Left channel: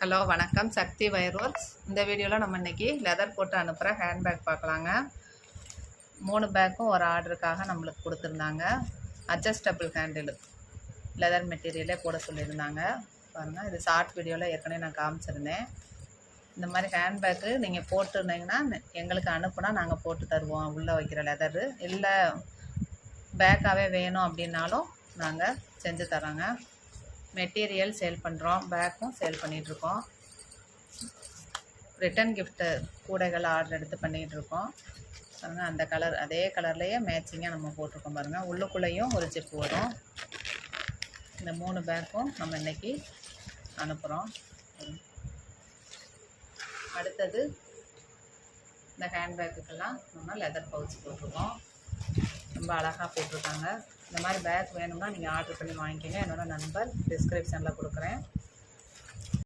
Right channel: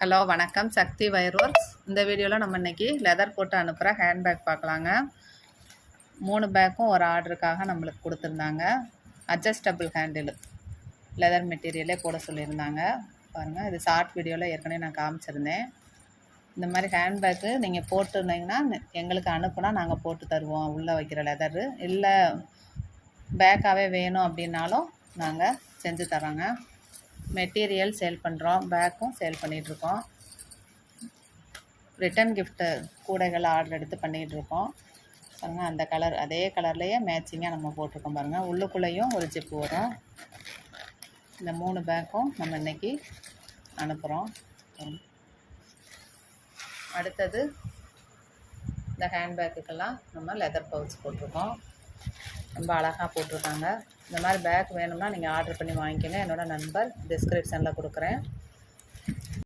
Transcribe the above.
Hello வணக்கம், சக்தி wire works. இந்த வீடியோவில் நம்ம இன்றைக்கி லெதர் போட்டு அனுப்புகிற ஹேண்ட்பேக் பார்க்கலாங்க. 3 பேக்கும் ஒரு ஆர்டருக்காக நம்மளுக்கு கொடுத்துருந்தாங்க. அட்ஜஸ்டபிள் ஹேண்டில் லெதர் மெட்டீரியலே போட சொல்லியிருந்தாங்க. பாருங்கள், இது ஷார்ட் வீடியோவில் ஏற்கனவே நான் காமிச்சிருந்தேன். இந்த மாதிரி ஹேண்ட்பேக்கு நீங்கள் போட்டுருந்தீங்கன்னா எங்களுக்கு அனுப்புனா நாங்கள் போட்டு தருவோம். உள்ளே வைக்கிற லெதரு இல்லை பேக்காகவே வேணும் அப்படின்னாலும் நாங்கள் செஞ்சு தரோங்க. மெட்டீரியல் சேல் பண்ணுறோம், பேக்கும் சேல் பண்ணிகிட்ருக்கோம். ரிட்டன் கிஃப்ட்டு கூடைகள் ஆர்டர் எடுத்து பண்ணிகிட்ருக்கோம். பாருங்கள், அந்த கலர் அதே கலர்லேயே மேட்சிங்காக நம்ம போட்டிருக்கோம். பாருங்கள், உள்ளுக்குள்ளேயும் ஒரு ஜிப்பு வரும். இந்த 3 பேக்கும் நம்ம இன்றைக்கி அனுப்புகிறோம். அடுத்தது இந்த ஹேண்ட்பேக்குக்கெல்லாம் நம்ம லெதர் பவுச் போட்டிருக்கோம். ரொம்ப அழகாக போட்டிருக்காங்க. இந்த மாதிரி பேக் வேணும்னா நீங்கள் ஆர்டர் பண்ணி வாங்கிக்கோங்க. என்னோடய நம்பர் டிஸ்கிரிப்ஷனில் கொடுக்குறேன்.